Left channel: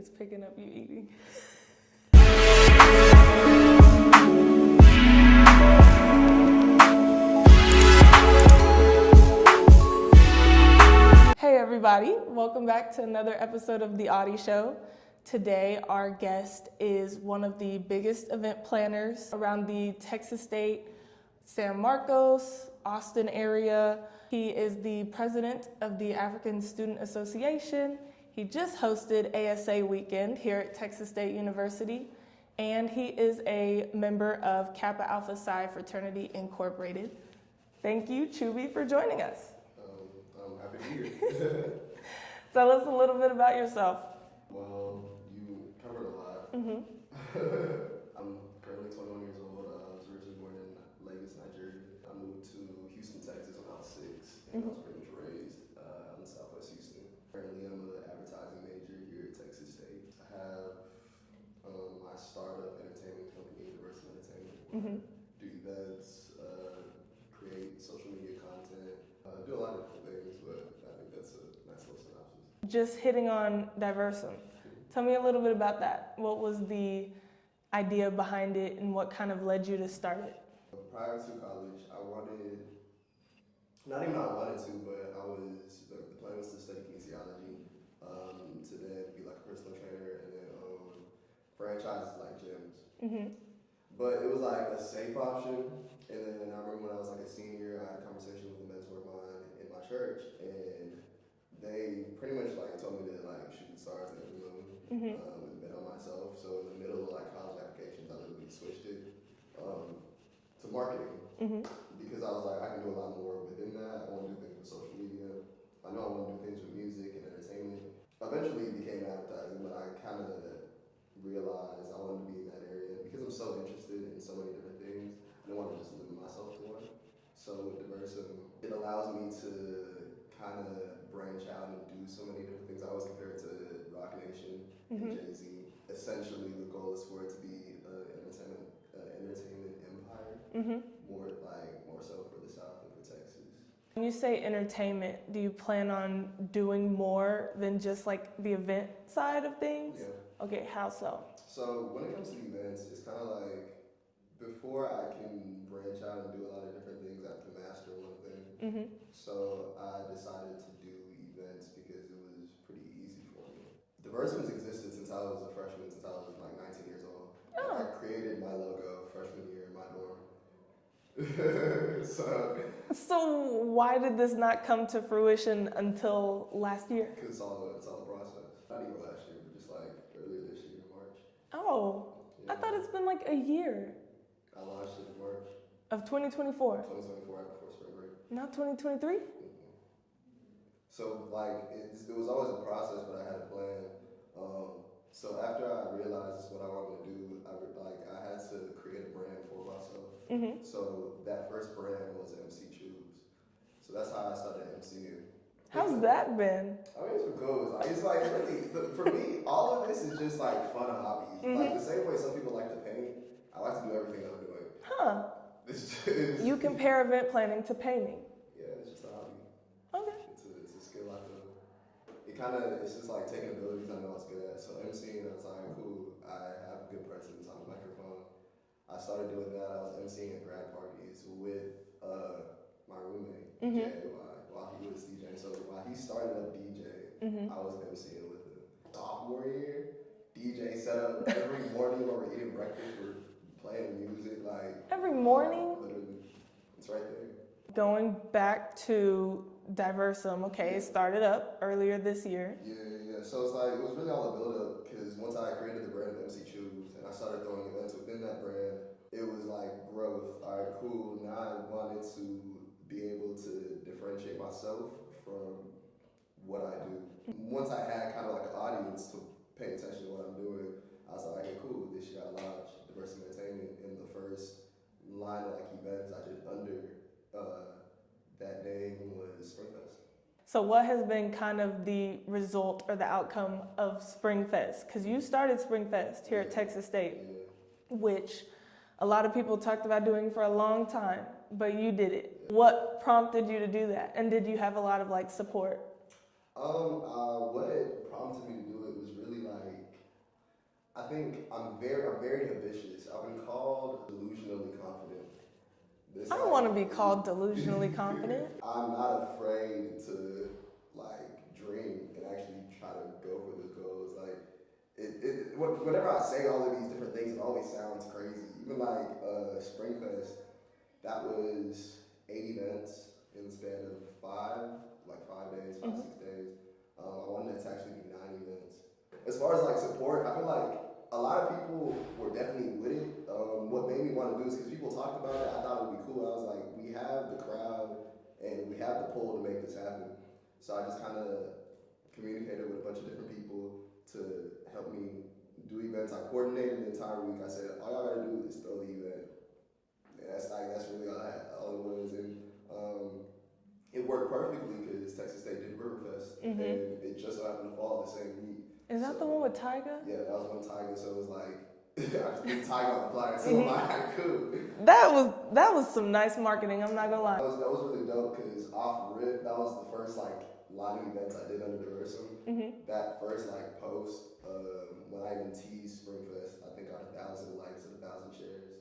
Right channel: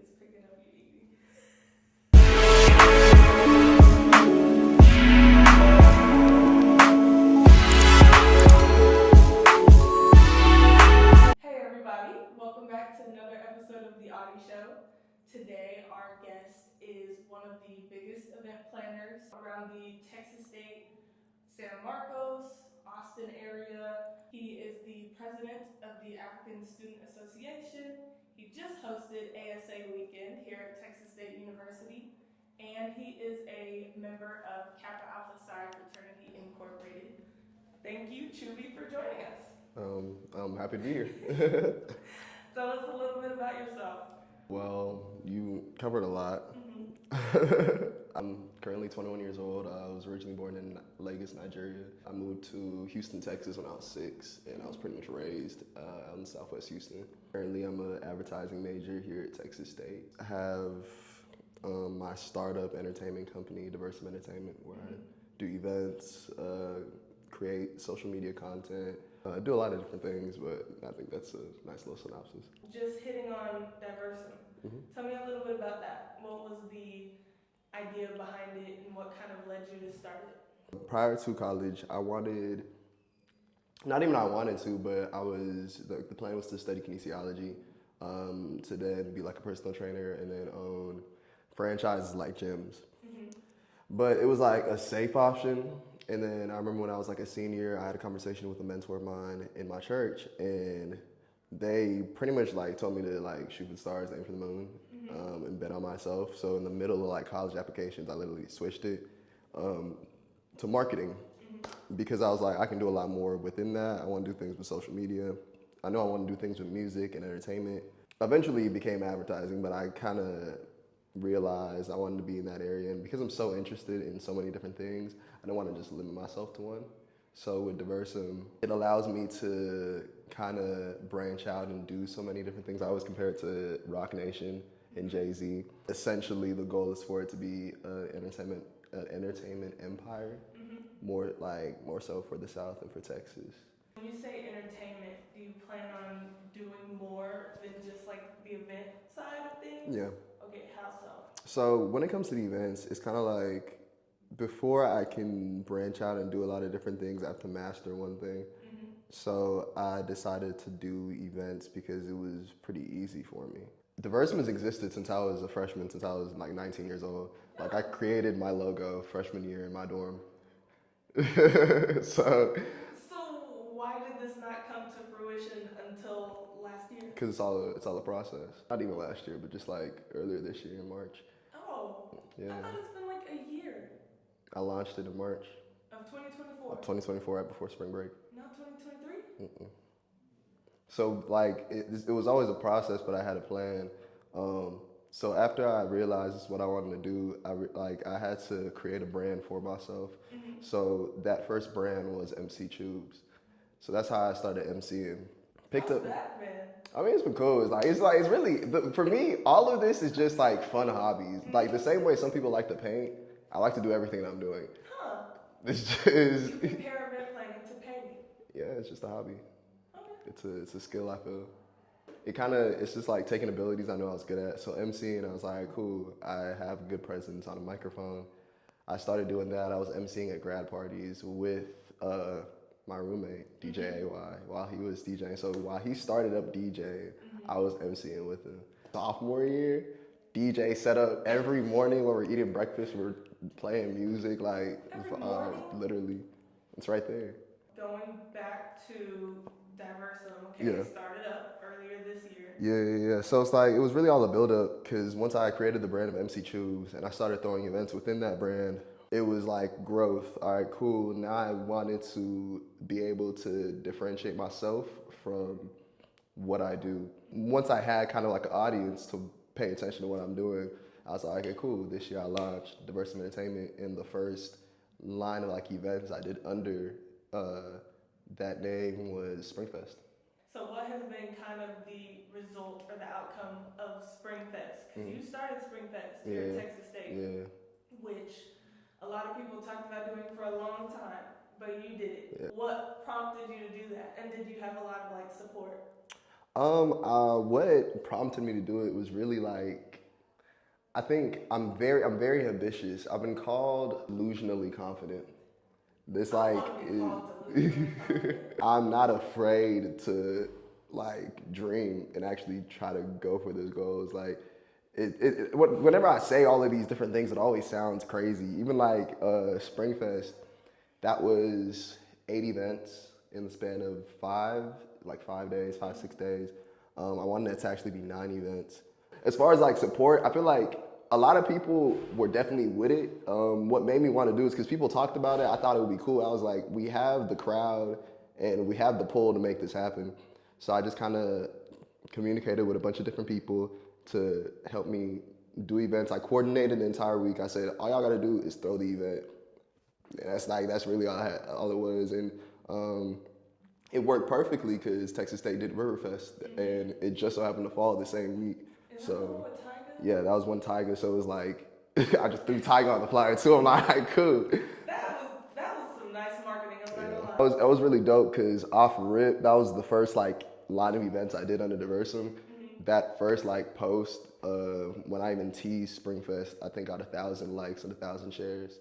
It's picking up you eating. Hey everybody, welcome back to another episode of the Auti Show. Today our guest is one of the biggest event planners around the Texas State, San Marcos, Austin area. He is the president of the African Student Association. He just hosted ASA weekend here at Texas State University, and he is a member of Kappa Alpha Psi Fraternity Incorporated. Thank you, Chübby, for joining us. I'm happy to be here. Tell us a little bit about yourself. Well, you covered a lot. I'm currently 21 years old. I was originally born in Lagos, Nigeria. I moved to Houston, Texas when I was 6, and I was pretty much raised out in Southwest Houston. Currently, I'm an advertising major here at Texas State. I have my startup entertainment company, Delusionally Entertainment, where I do events, create social media content, do a lot of different things, but I think that's a nice little synopsis. Just hitting on Diversum. Tell me a little bit about that. What was the idea behind it and what kind of led you to start it? Prior to college, I wanted, not even I wanted to, but the plan was to study kinesiology, to then be like a personal trainer and then own franchises like gyms. But it was like a safe option. And then I remember when I was like a senior, I had a conversation with a mentor of mine in my church, and they pretty much like told me to like shoot for the stars, aim for the moon, and bet on myself. So in the middle of like college applications, I literally switched it to marketing because I was like, I can do a lot more within that. I want to do things with social media. I know I want to do things with music and entertainment. Eventually it became advertising, but I kind of realized I wanted to be in that area, and because I'm so interested in so many different things, I don't want to just limit myself to one. So with Diversum, it allows me to kind of branch out and do so many different things. I always compare it to Rock Nation and Jay-Z. Essentially, the goal is for it to be an entertainment empire, more so for the South and for Texas. When you say entertainment, do you plan on doing more than just like the event side of things? Yeah. Okay, how so? So when it comes to the events, it's kind of like, before I can branch out and do a lot of different things, I have to master one thing. So I decided to do events because it was pretty easy for me. Diversum has existed since I was a freshman, since I was like 19 years old. Like I created my logo freshman year in my dorm. So why did this not come to fruition until last year? Because it's all a process. Not even last year, but just like earlier this year in March. Oh, yeah. I thought it's been like a year. I launched it in March. Of 2024? 2024, right before spring break. Not 2023? So like, it was always a process, but I had a plan. So after I realized this is what I wanted to do, I had to create a brand for myself. So that first brand was MC Tubes. So that's how I started MCing. How's that been? I mean, it's been cool. It's really, for me, all of this is just like fun hobbies. Like the same way some people like to paint, I like to do everything I'm doing. Huh. It's just... You compare event planning to painting. Yeah, it's just a hobby. Okay. It's a skill I feel. It's just like taking abilities I know I was good at. So MCing, I was like, cool, I have a good presence on a microphone. I started doing that. I was MCing at grad parties with my roommate, DJ AY, while he was DJing. So while he started up DJing, I was MCing with him. Sophomore year, DJ set up every morning when we're eating breakfast, we're playing music, like every morning? Literally. It's right there. Going back to Diversum, it started up earlier this year. Yeah. So it's like, it was really all a build up, because once I created the brand of MC Tubes and I started throwing events within that brand, it was like growth. All right, cool. Now I wanted to be able to differentiate myself from what I do. Once I had kind of like an audience to pay attention to what I'm doing, I was like, okay, cool. This year I launched Delusionally Entertainment, and the first line of like events I did under that name was Springfest. So what has been kind of the result or the outcome of Springfest? Because you started Springfest here at Texas State, which a lot of people talked about doing for a long time, but you did it. What prompted you to do that? And did you have a lot of like support? What prompted me to do it was really like I think I'm very ambitious. I've been called delusionally confident. This I want to be called delusionally confident. I'm not afraid to like dream and actually try to go for those goals. Like whenever I say all of these different things, it always sounds crazy. Even like Springfest, that was 8 events in the span of 5 days, 6 days. I wanted it to actually be 9 events. As far as like support, I feel like a lot of people were definitely with it. What made me want to do is because people talked about it. I thought it would be cool. I was like, we have the crowd and we have the pull to make this happen. So I just kind of communicated with a bunch of different people to help me do events. I coordinated the entire week. I said, all y'all gotta do is throw the event. Yeah, that's really all it was. And it worked perfectly because Texas State did Riverfest, and it just so happened to fall the same week. Is that the one with Tyga? Yeah, that was one Tyga. So it was like I just threw Tyga on the flyer too. I'm like, cool. That was some nice marketing. I'm not gonna lie. That was really dope because off rip, that was the first like line of events I did under Diversum. That first like post when I even teased Springfest, I think got 1,000 likes and 1,000 shares.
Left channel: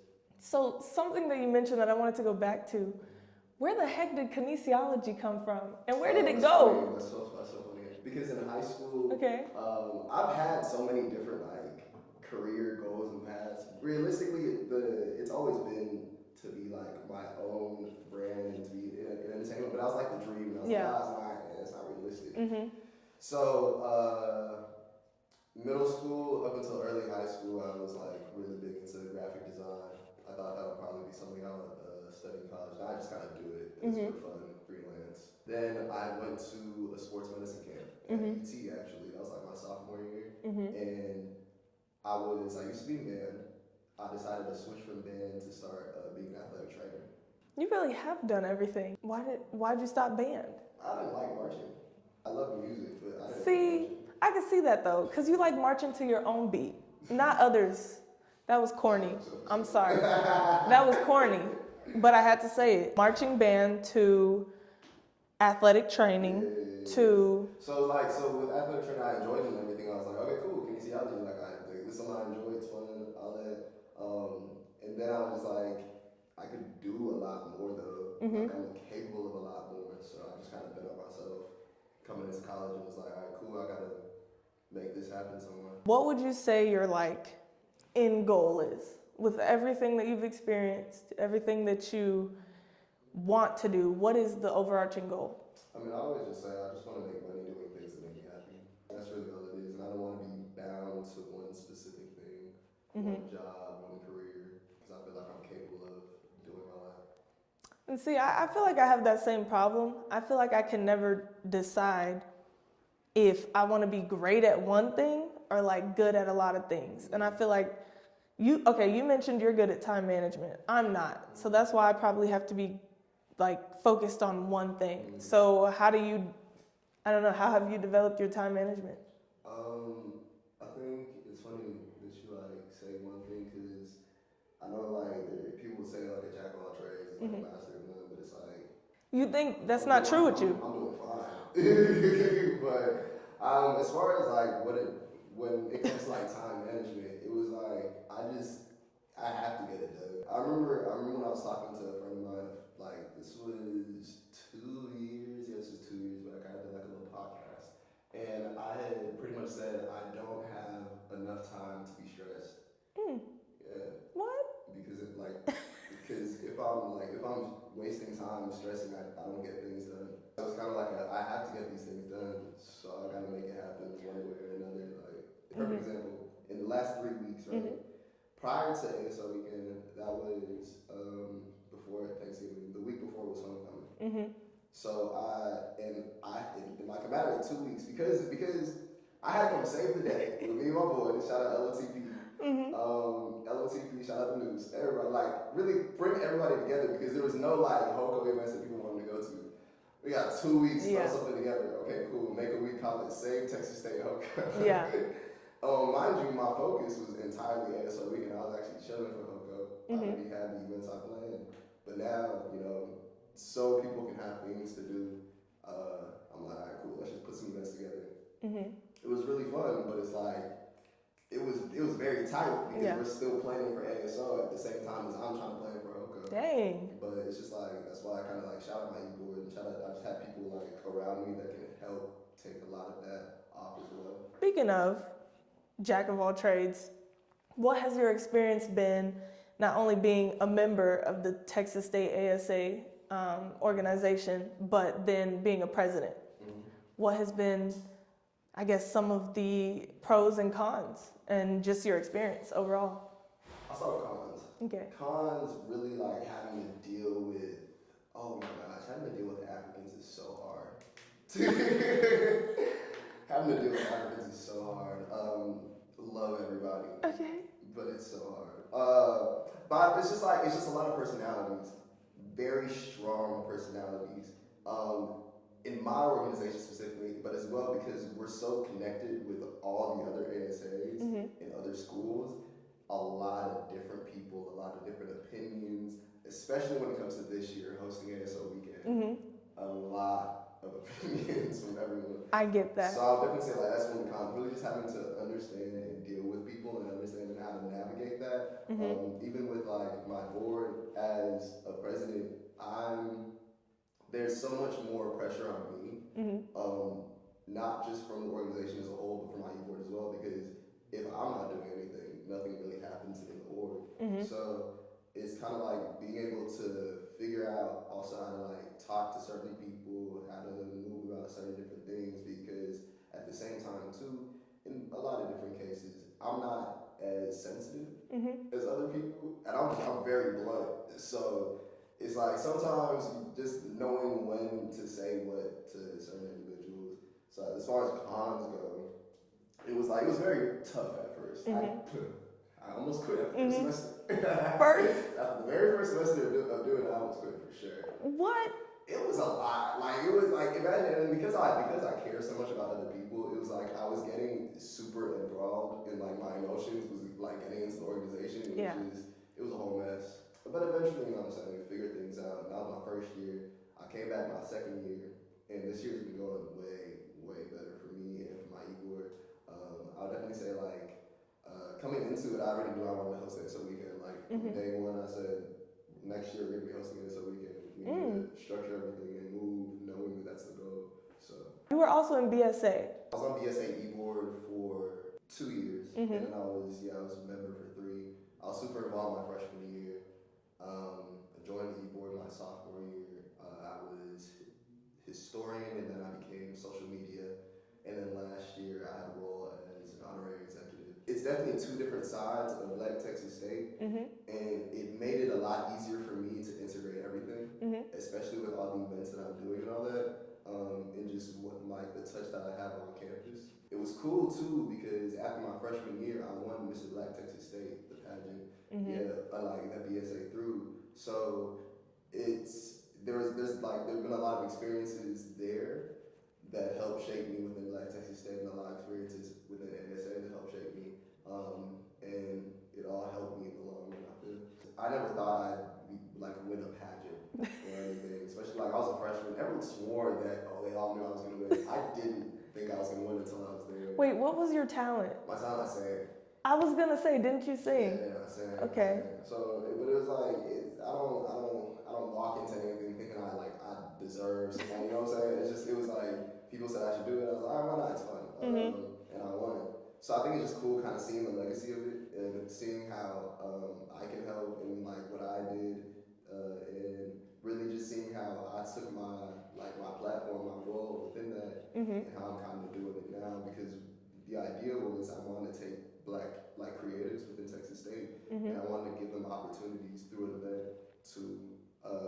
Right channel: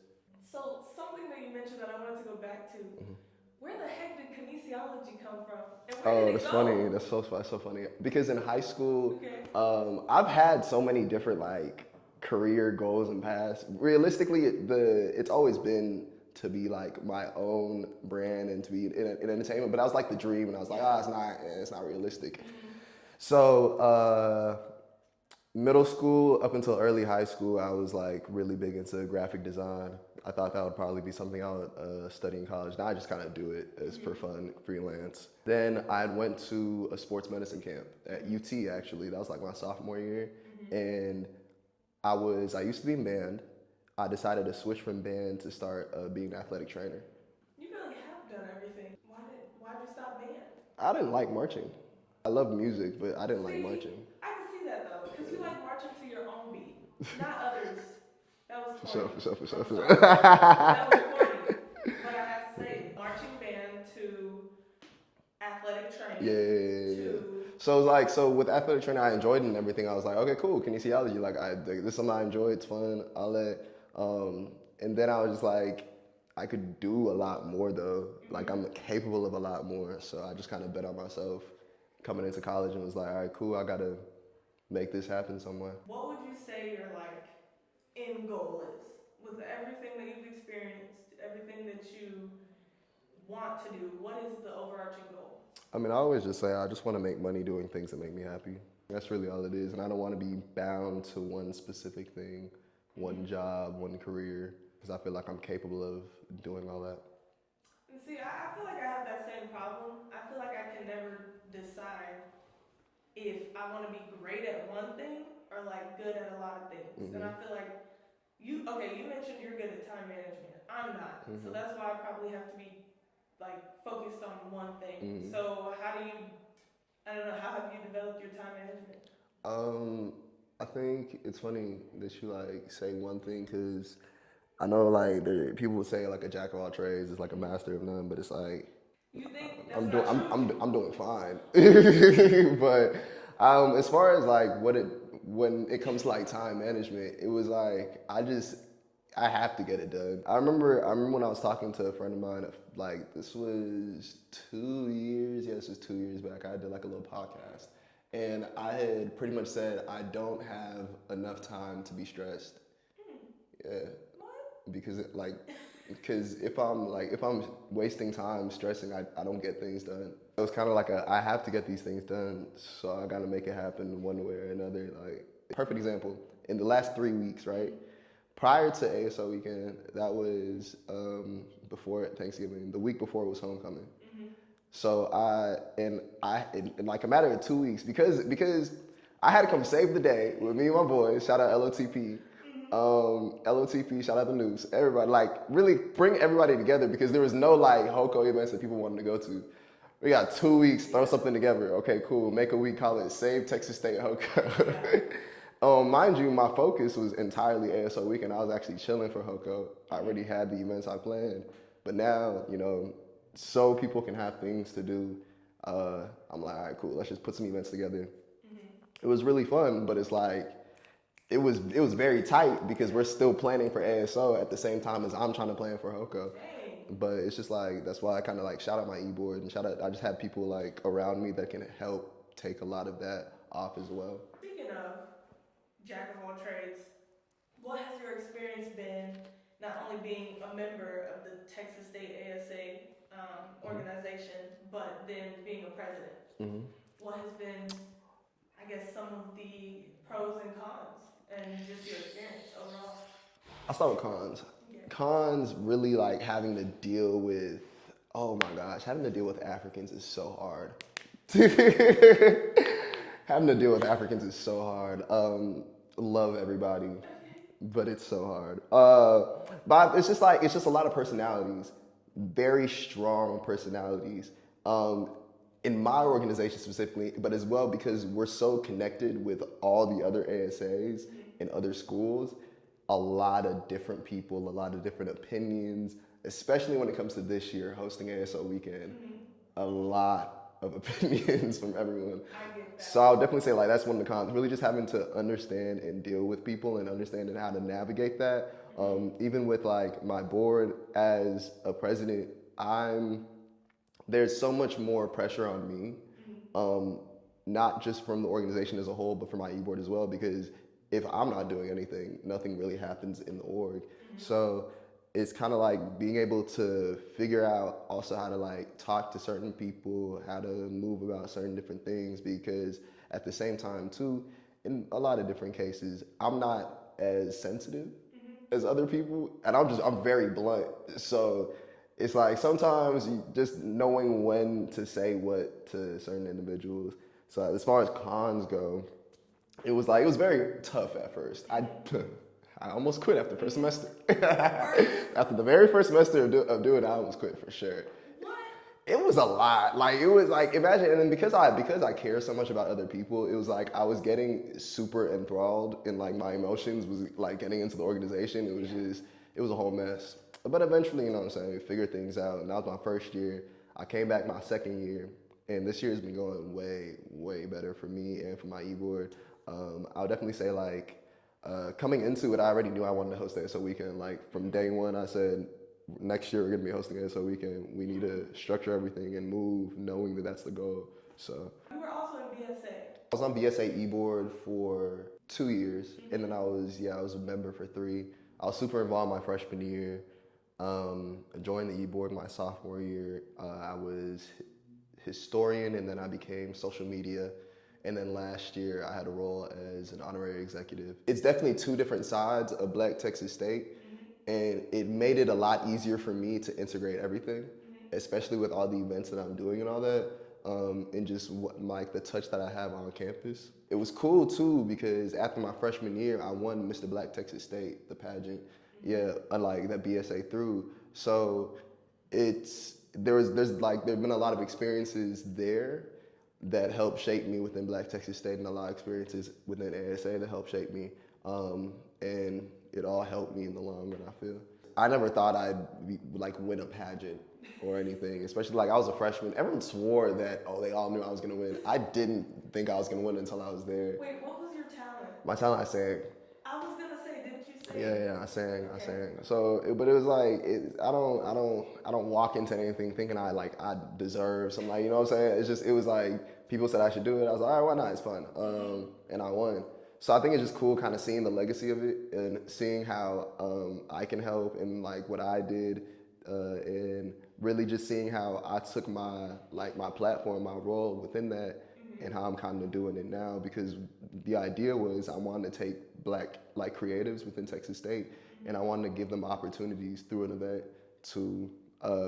So something that you mentioned that I wanted to go back to. Where the heck did kinesiology come from? And where did it go? Funny. That's so funny. Because in high school, I've had so many different like career goals and paths. Realistically, it's always been to be like my own brand and to be in entertainment. But I was like the dream, and I was like, it's not realistic. So middle school up until early high school, I was like really big into graphic design. I thought that would probably be something I would study in college. Now I just kind of do it as for fun, freelance. Then I went to a sports medicine camp at UT actually. That was like my sophomore year. And I used to be in band. I decided to switch from band to start being an athletic trainer. You really have done everything. Why'd you stop band? I didn't like marching. I love music, but I didn't like marching. I can see that though, because you like marching to your own beat, not others. That was corny. I'm sorry. That was corny. But I had to say it. Marching band to athletic training to... So with athletic training, I enjoyed it and everything. I was like, okay, cool, kinesiology. Like, this is something I enjoy. It's fun. All that. And then I was just like, I could do a lot more though. Like, I'm capable of a lot more. So I just kind of bet on myself coming into college and was like, all right, cool. I got to make this happen somewhere. What would you say your like end goal is with everything that you've experienced, everything that you want to do? What is the overarching goal? I mean, I always just say I just want to make money doing things that make me happy. That's really all it is. And I don't want to be bound to one specific thing, one job, one career, because I feel like I'm capable of doing all that. And see, I feel like I have that same problem. I feel like I can never decide if I want to be great at one thing or like good at a lot of things. And I feel like you mentioned you're good at time management. I'm not. So that's why I probably have to be like focused on one thing. So how have you developed your time management? I think it's funny that you like say one thing, because I know like people would say like a jack of all trades is like a master of none, but it's like, you think that's not true with you? I'm doing fine. But as far as like when it comes to like time management, it was like I have to get it done. I remember when I was talking to a friend of mine, like this was 2 years, yes, it was 2 years back. I did like a little podcast, and I had pretty much said I don't have enough time to be stressed. Yeah. What? Because if I'm wasting time stressing, I don't get things done. It was kind of like I have to get these things done, so I got to make it happen one way or another. Like, perfect example, in the last 3 weeks, right? Prior to ASO weekend, that was before Thanksgiving. The week before was homecoming. So in like a matter of 2 weeks, because I had to come save the day with me and my boys. Shout out LOTP. LOTP, shout out the news. Everybody, like, really bring everybody together, because there was no like HOCO events that people wanted to go to. We got 2 weeks, throw something together. Okay, cool. Make a week, call it Save Texas State HOCO. Yeah. Mind you, my focus was entirely ASO weekend. I was actually chilling for HOCO. I already had the events I planned. But now, so people can have things to do, I'm like, all right, cool, let's just put some events together. It was really fun, but it's like, it was very tight because Yeah. we're still planning for ASO at the same time as I'm trying to plan for HOCO. Dang. But it's just like, that's why I kind of like shout out my e-board and I just have people like around me that can help take a lot of that off as well. Speaking of jack of all trades, what has your experience been not only being a member of the Texas State ASA organization, but then being a president? Mm-hmm. What has been, I guess, some of the pros and cons and just your experience overall? I'll start with cons. Okay. Cons, really like having to deal with, oh my gosh, having to deal with Africans is so hard. Having to deal with Africans is so hard. Love everybody, Okay. but it's so hard. But it's just a lot of personalities, very strong personalities. In my organization specifically, but as well because we're so connected with all the other ASAs and other schools, a lot of different people, a lot of different opinions, especially when it comes to this year, hosting ASO weekend, a lot of opinions from everyone. I get that. So I would definitely say like that's one of the cons, really just having to understand and deal with people and understanding how to navigate that. Even with like my board as a president, there's so much more pressure on me, not just from the organization as a whole, but from my e-board as well, because if I'm not doing anything, nothing really happens in the org. So it's kind of like being able to figure out also how to like talk to certain people, how to move about certain different things, because at the same time too, in a lot of different cases, I'm not as sensitive as other people, and I'm very blunt. So it's like sometimes you just knowing when to say what to certain individuals. So as far as cons go, it was very tough at first. I almost quit after the first semester. After the very first semester of doing it, I almost quit for sure. What? It was a lot. Like, it was like, imagine, and because I care so much about other people, it was like I was getting super enthralled in like my emotions was like getting into the organization. It was it was a whole mess. But eventually, you know what I'm saying, we figured things out. And that was my first year. I came back my second year, and this year has been going way, way better for me and for my e-board. I would definitely say like, coming into it, I already knew I wanted to host the ASO weekend. Like from day one, I said, next year we're gonna be hosting ASO weekend. We need to structure everything and move knowing that that's the goal. So You were also in BSA. I was on BSA e-board for 2 years, and then I was a member for 3. I was super involved my freshman year. I joined the e-board my sophomore year. I was historian, and then I became social media. And then last year, I had a role as an honorary executive. It's definitely 2 different sides of Black Texas State, and it made it a lot easier for me to integrate everything, especially with all the events that I'm doing and all that, and just like the touch that I have on campus. It was cool too because after my freshman year, I won Mr. Black Texas State, the pageant, like that BSA through. So there's been a lot of experiences there that helped shape me within Black Texas State, and a lot of experiences within ASA that helped shape me. And it all helped me in the long run, I feel. I never thought I'd win a pageant or anything, especially like I was a freshman. Everyone swore that, they all knew I was gonna win. I didn't think I was gonna win until I was there. Wait, what was your talent? My talent, I sang. I was gonna say, didn't you sing? Yeah, I sang. Okay. I sang. So, but it was like, I don't walk into anything thinking I deserve something. Like, you know what I'm saying? It was like people said I should do it. I was like, all right, why not? It's fun. And I won. So I think it's just cool, kind of seeing the legacy of it and seeing how I can help and like what I did, and really just seeing how I took my platform, my role within that, and how I'm kind of doing it now. Because the idea was I wanted to take Black creatives within Texas State, and I wanted to give them opportunities through an event to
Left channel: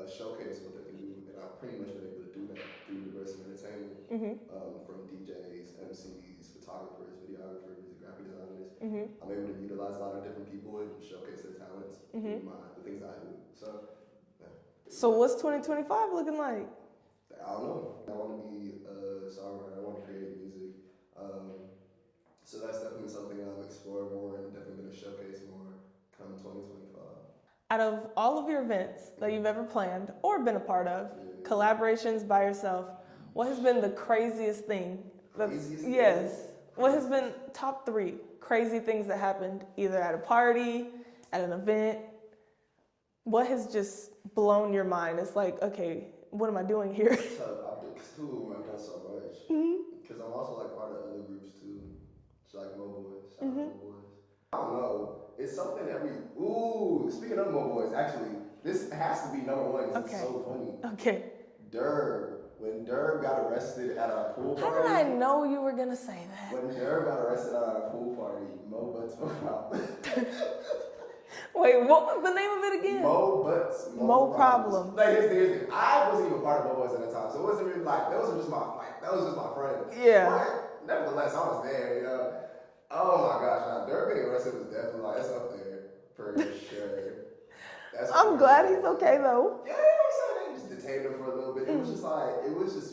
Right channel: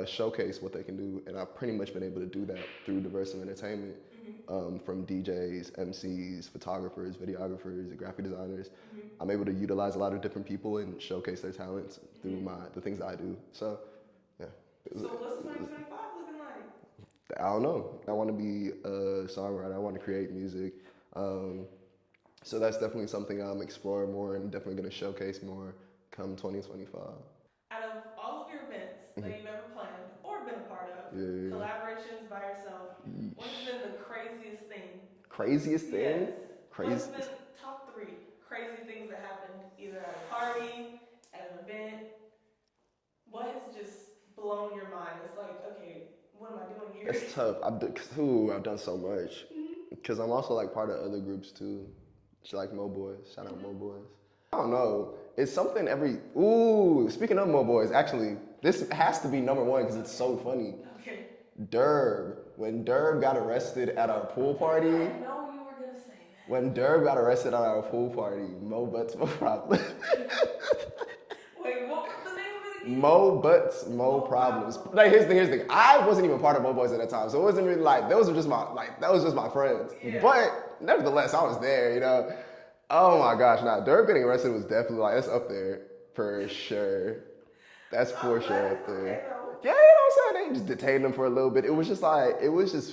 showcase what they can do, and I've pretty much been able to do that through diversity entertainment, from DJs, MCs, photographers, videographers, graphic designers. I'm able to utilize a lot of different people and showcase their talents through the things that I do. So, yeah. So what's 2025 looking like? I don't know. I want to be a songwriter. I want to create music. So that's definitely something I'm exploring more and definitely going to showcase more come 2025. Out of all of your events that you've ever planned or been a part of, collaborations by yourself, what has been the craziest thing? Craziest thing? Yes. What has been top 3 crazy things that happened either at a party, at an event? What has just blown your mind? It's like, okay, what am I doing here? Tough. I've done so much. Because I'm also like part of other groups too. Like Mo Boys. Shout out Mo Boys. I don't know. It's something speaking of Mo Boys, actually, this has to be number 1 because it's so funny. Okay. Derb. When Derb got arrested at our pool party. How did I know you were gonna say that? When Derb got arrested at our pool party, Mo Butts, Mo Problem. Wait, what was the name of it again? Mo Butts, Mo Problems. Like here's the thing. I wasn't even part of Mo Boys at that time, so it wasn't really like that was just my friends. Yeah. But nevertheless, I was there. You know. Oh my gosh, now Derb getting arrested was definitely like that's up there for sure. That's for sure. I'm glad he's okay though. Yeah, you know what I'm saying? They just detained him for a little bit. It was just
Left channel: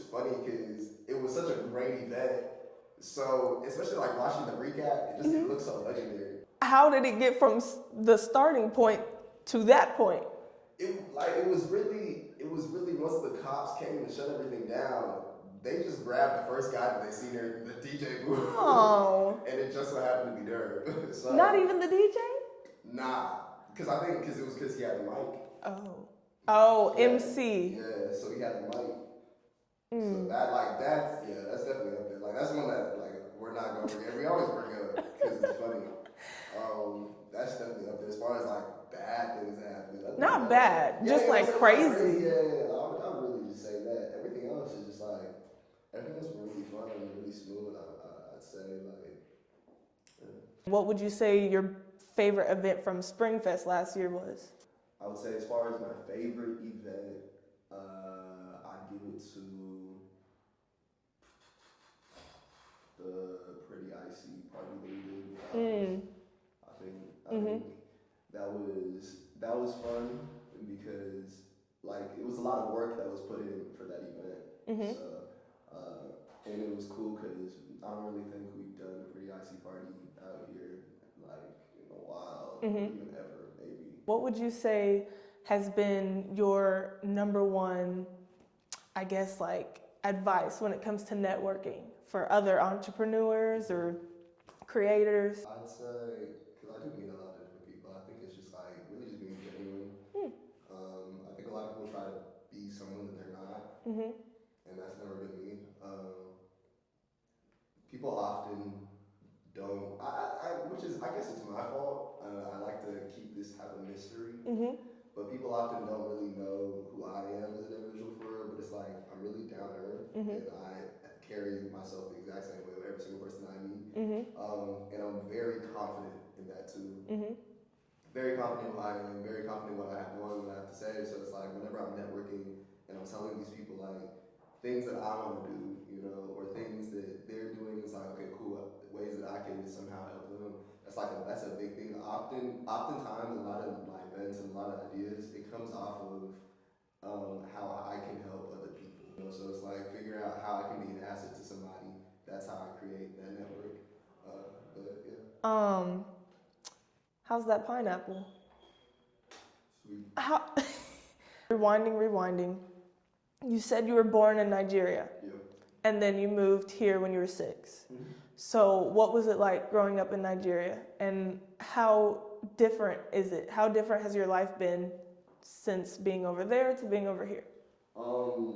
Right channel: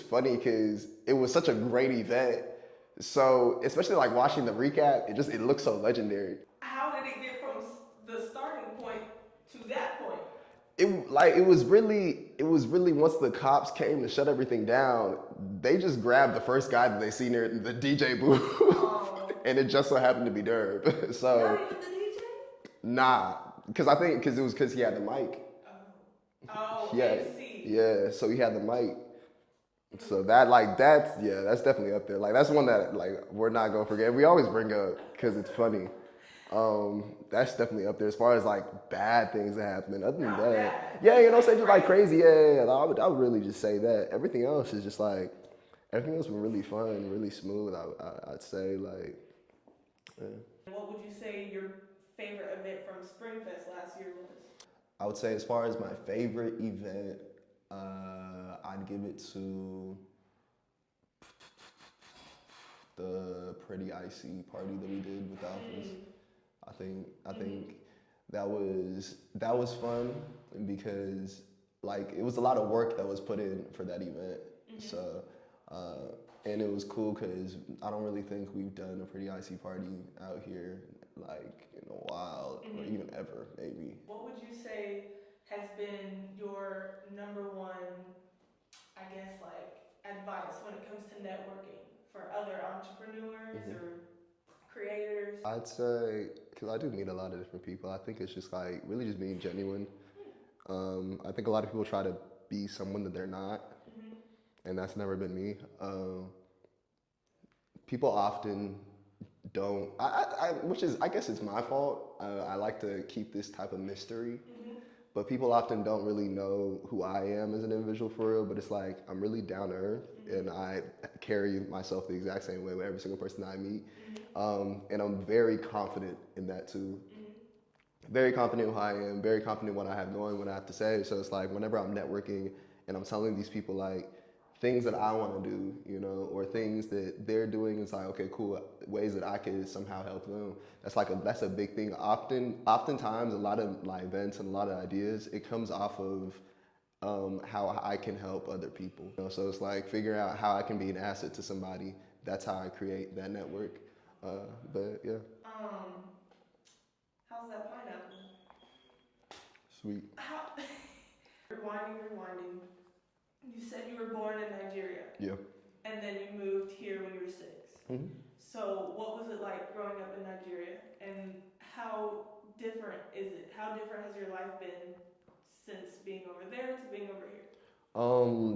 funny because it was such a great event. So, especially like watching the recap, it looks so legendary. How did it get from the starting point to that point? It was really once the cops came to shut everything down, they just grabbed the first guy that they see near the DJ booth. Oh. And it just so happened to be Derb. So not even the DJ? Nah. Because he had the mic. Oh, MC. Yeah, so he had the mic. So that's definitely up there. Like that's one that like we're not gonna forget. We always bring up because it's funny. That's definitely up there as far as like bad things that happen. Not bad. Yeah, just you know, like crazy. Yeah. I would really just say that. Everything else is just like everything else been really fun, really smooth. I'd say like. Yeah. What would you say your favorite event from Springfest last year was? I would say as far as my favorite event, I'd give it to the Pretty Icy party that we did with Alphas. I think that was fun because like it was a lot of work that was put in for that event. So and it was cool because I don't really think we've done a Pretty Icy party out here like in a while, or even ever maybe. What would you say has been your number 1, I guess, like advice when it comes to networking for other entrepreneurs or creators? I'd say, because I do meet a lot of different people, I think it's just like really just being genuine. I think a lot of people try to be someone that they're not, and that's never been me. People often don't, which is, I guess it's my fault. I like to keep this type of mystery. But people often don't really know who I am as an individual for real, but it's like I'm really down to earth and I carry myself the exact same way with every single person I meet. And I'm very confident in that too. Very confident in who I am, very confident in what I have going, what I have to say. So it's like whenever I'm networking and I'm telling these people like things that I want to do, you know, or things that they're doing, it's like, okay, cool, ways that I can somehow help them. That's a big thing. Oftentimes, a lot of my events and a lot of ideas, it comes off of how I can help other people. You know? So it's like figuring out how I can be an asset to somebody. That's how I create that network. But yeah. How's that pineapple? Sweet. Rewinding. You said you were born in Nigeria. Yep. And then you moved here when you were 6. So what was it like growing up in Nigeria? And how different is it? How different has your life been since being over there to being over here?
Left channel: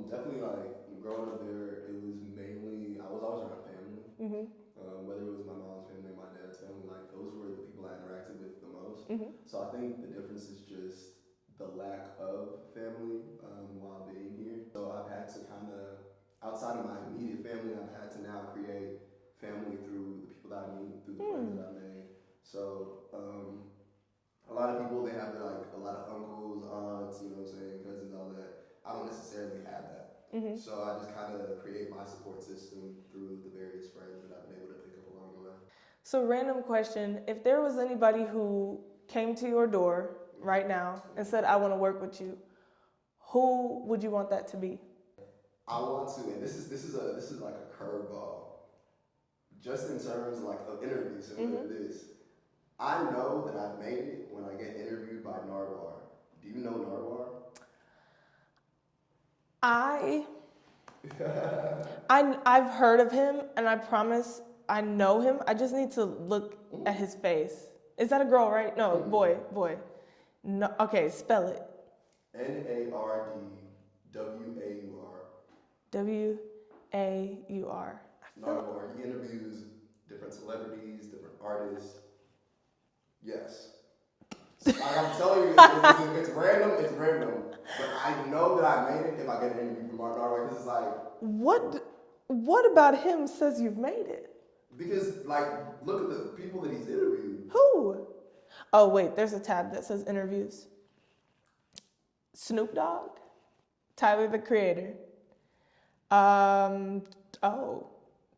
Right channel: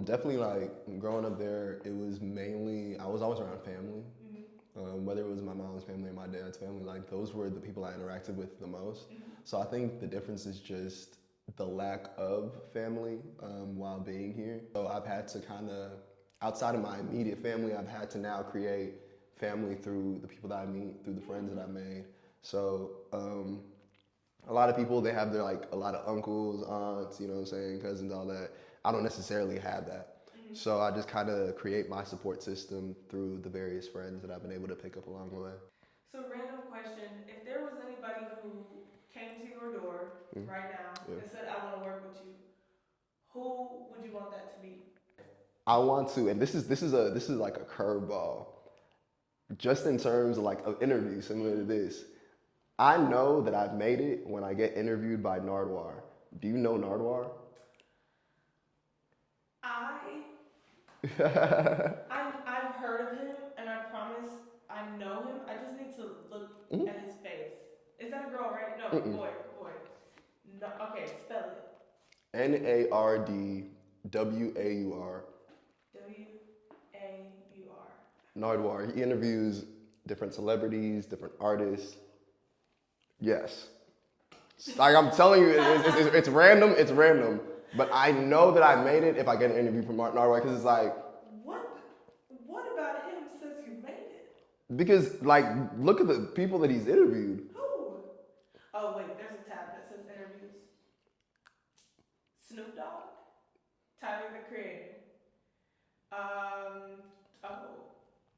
Definitely like growing up there, it was mainly, I was always around family. Whether it was my mom's family or my dad's family, like those were the people I interacted with the most. So I think the difference is just the lack of family while being here. So I've had to kind of, outside of my immediate family, I've had to now create family through the people that I meet, through the friends that I've made. So a lot of people, they have their like a lot of uncles, aunts, you know what I'm saying, cousins, all that. I don't necessarily have that. So I just kind of create my support system through the various friends that I've been able to pick up along the way. So random question, if there was anybody who came to your door right now and said, I want to work with you, who would you want that to be? I want to, and this is like a curveball, just in terms of like an interview similar to this. I know that I've made it when I get interviewed by Nardwar. Do you know Nardwar? I've heard of him, and I promise I know him. I just need to look at his face. Is that a girl, right? No, boy. No, okay, spell it. Nardwar. W-A-U-R. Nardwar. He interviews different celebrities, different artists. Yes. Like I'm telling you, it's random. It's random. But I know that I made it if I get an interview from Nardwar because it's like. What about him says you've made it? Because like, look at the people that he's interviewed. Who? Oh wait, there's a tab that says interviews. Snoop Dogg, Tyler the Creator.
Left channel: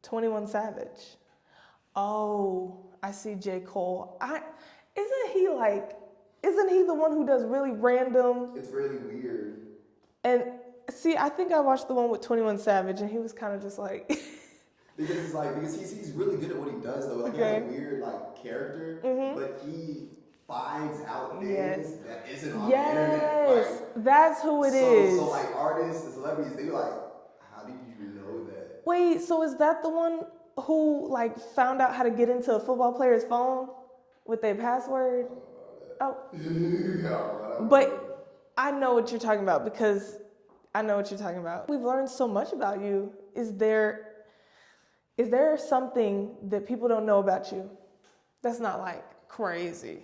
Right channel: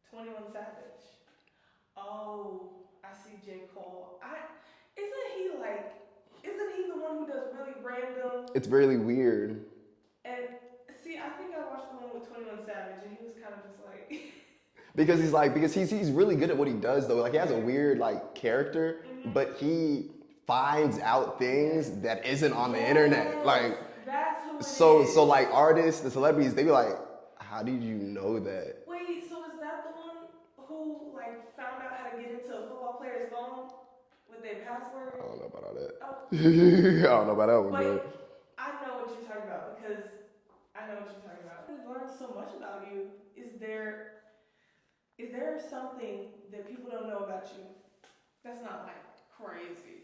21 Savage. Oh, I see J. Cole. Isn't he the one who does really random? It's really weird. And see, I think I watched the one with 21 Savage, and he was kind of just like. because he's really good at what he does though. Like he has a weird like character, but he finds out things that isn't on the internet. Like that's who it is. So like artists, the celebrities, they be like, how did you know that? Wait, so is that the one who like found out how to get into a football player's phone with their password? I don't know about all that. Oh. I don't know about that one. But I know what you're talking about because I know what you're talking about. We've learned so much about you. Is there something that people don't know about you that's not like crazy?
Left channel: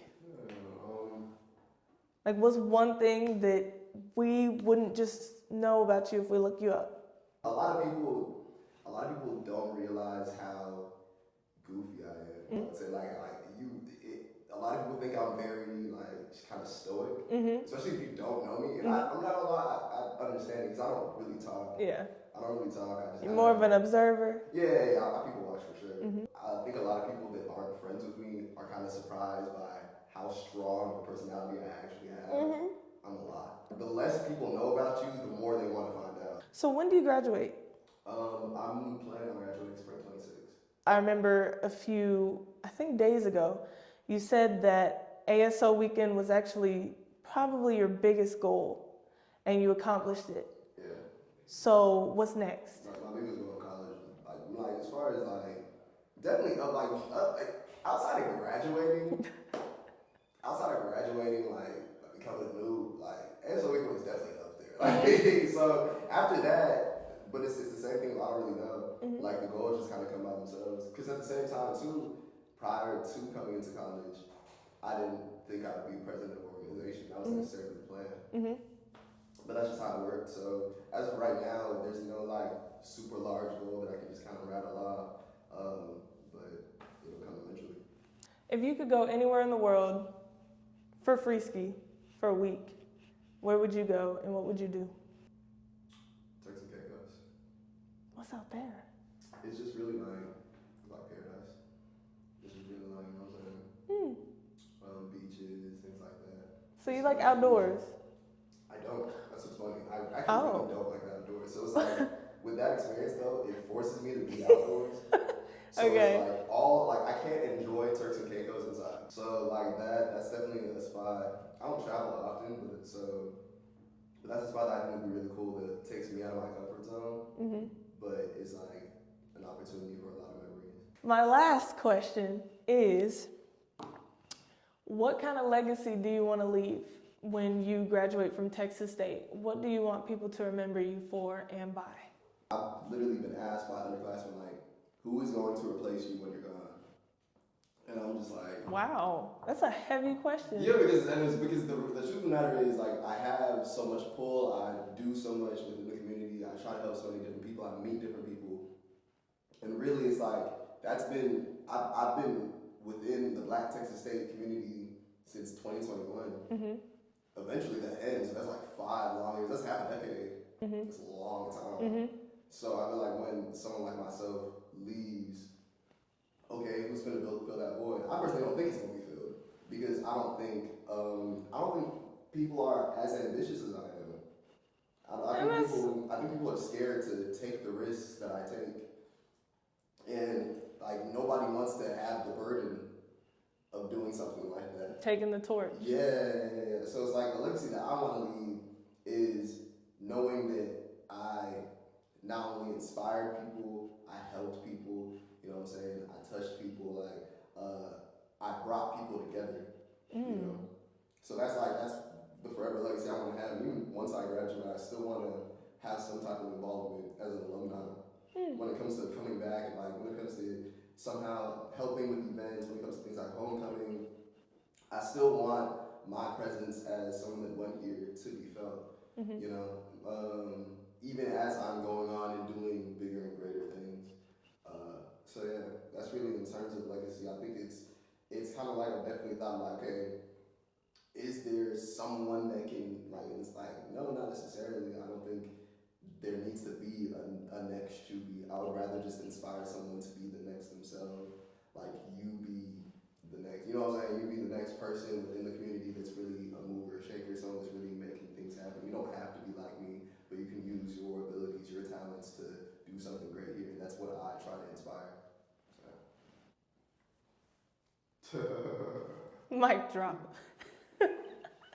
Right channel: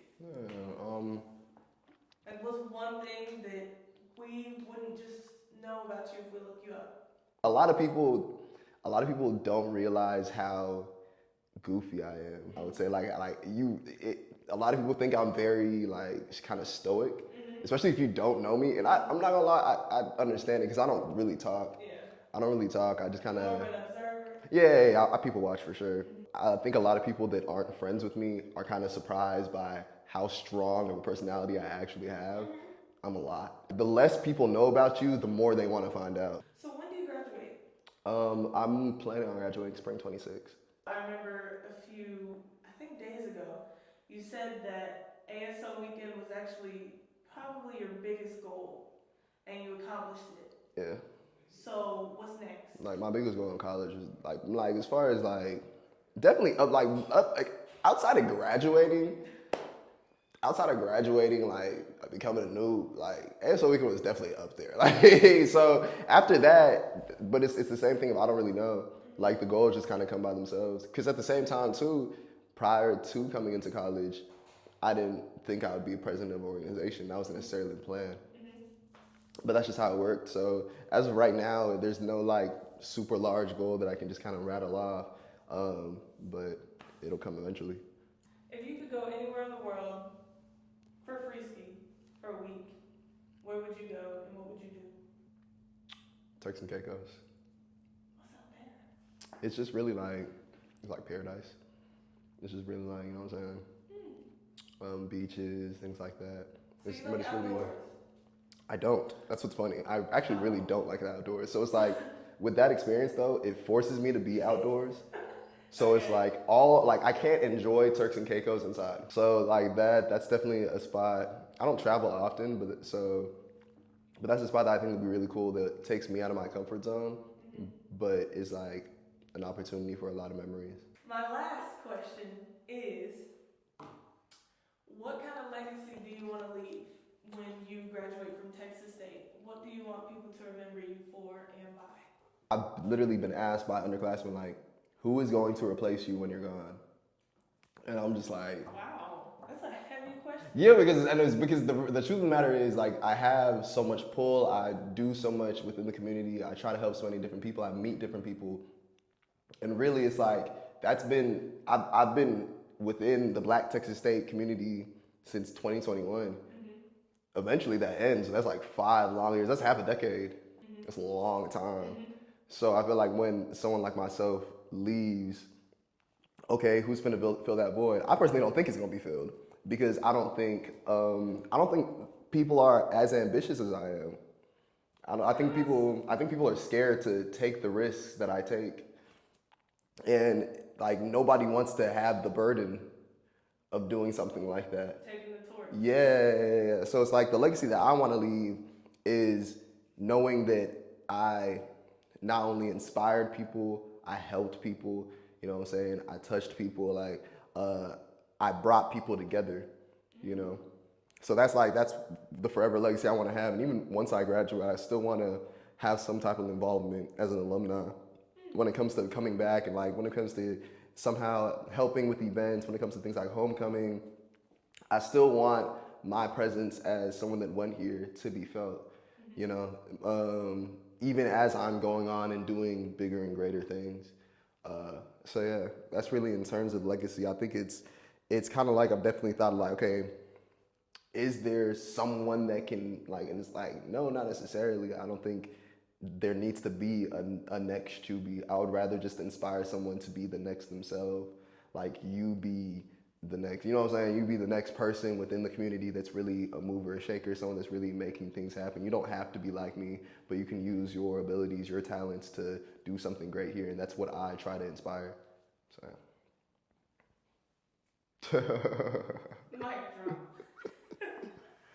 Like what's one thing that we wouldn't just know about you if we look you up? A lot of people don't realize how goofy I am. I would say a lot of people think I'm very like kind of stoic, especially if you don't know me. And I'm not gonna lie, I understand it because I don't really talk. Yeah. I don't really talk. I just kind of more of an observer. Yeah, I people watch for sure. I think a lot of people that aren't friends with me are kind of surprised by how strong of a personality I actually have. I'm a lot. The less people know about you, the more they want to find out. So when do you graduate? I'm planning on graduating spring 26. I remember a few, I think days ago, you said that ASO weekend was actually probably your biggest goal, and you accomplished it. Yeah. So what's next? Like my biggest goal in college was like as far as like definitely outside of graduating, like becoming a noob, like ASO weekend was definitely up there. Like so after that, but it's the same thing if I don't really know. Like the goals just kind of come by themselves. Because at the same time too, prior to coming into college, I didn't think I would be president of an organization. That wasn't necessarily the plan. But that's just how it worked. So as of right now, there's no like super large goal that I can just kind of rattle off. But it'll come eventually. If you could go anywhere in the world for free ski for a week, where would you go and what would you do? Turks and Caicos. What's out there? It's just really it's like paradise. It's just really like, you know what I'm saying? Beaches, things like that. So you like outdoors? I don't. That's what's funny. I actually really don't like the outdoors. So it's like, with that experience though, it forces me to be outdoors. So it's like I can't enjoy Turks and Caicos inside. So like that's definitely a spot. I don't travel often, but that's a spot that I think would be really cool that takes me out of my comfort zone, but is like an opportunity for a lot of memories. My last question is, what kind of legacy do you want to leave when you graduate from Texas State? What do you want people to remember you for and by? I've literally been asked by underclassmen, like, who is going to replace you when you're gone? And I'm just like... Wow, that's a heavy question. Yeah, because the truth of the matter is, like, I have so much pull. I do so much within the community. I try to help so many different people. I meet different people. And really, it's like, I've been within the Black Texas State community since 2021. Eventually that ends, and that's like 5 long years. That's half a decade. That's a long time. So I feel like when someone like myself leaves, okay, who's finna fill that void? I personally don't think it's gonna be filled because I don't think people are as ambitious as I am. I think people are scared to take the risks that I take, and like nobody wants to have the burden of doing something like that. Taking the torch. Yeah. So it's like the legacy that I want to leave is knowing that I not only inspired people, I helped people, You know what I'm saying? I touched people, like I brought people together, you know? So that's the forever legacy I want to have. And even once I graduate, I still want to have some type of involvement as an alumni when it comes to coming back and like when it comes to somehow helping with events, when it comes to things like homecoming. I still want my presence as someone that went here to be felt, you know, even as I'm going on and doing bigger and greater things. So yeah, that's really in terms of legacy. I think it's kind of like I've definitely thought like, okay, is there someone that can like, and it's like, no, not necessarily. I don't think there needs to be a next Chübby. I would rather just inspire someone to be the next themselves. Like you be the next, you know what I'm saying? You be the next person within the community that's really a mover, a shaker, someone that's really making things happen. You don't have to be like me, but you can use your abilities, your talents to do something great here. And that's what I try to inspire. So. Mic drop.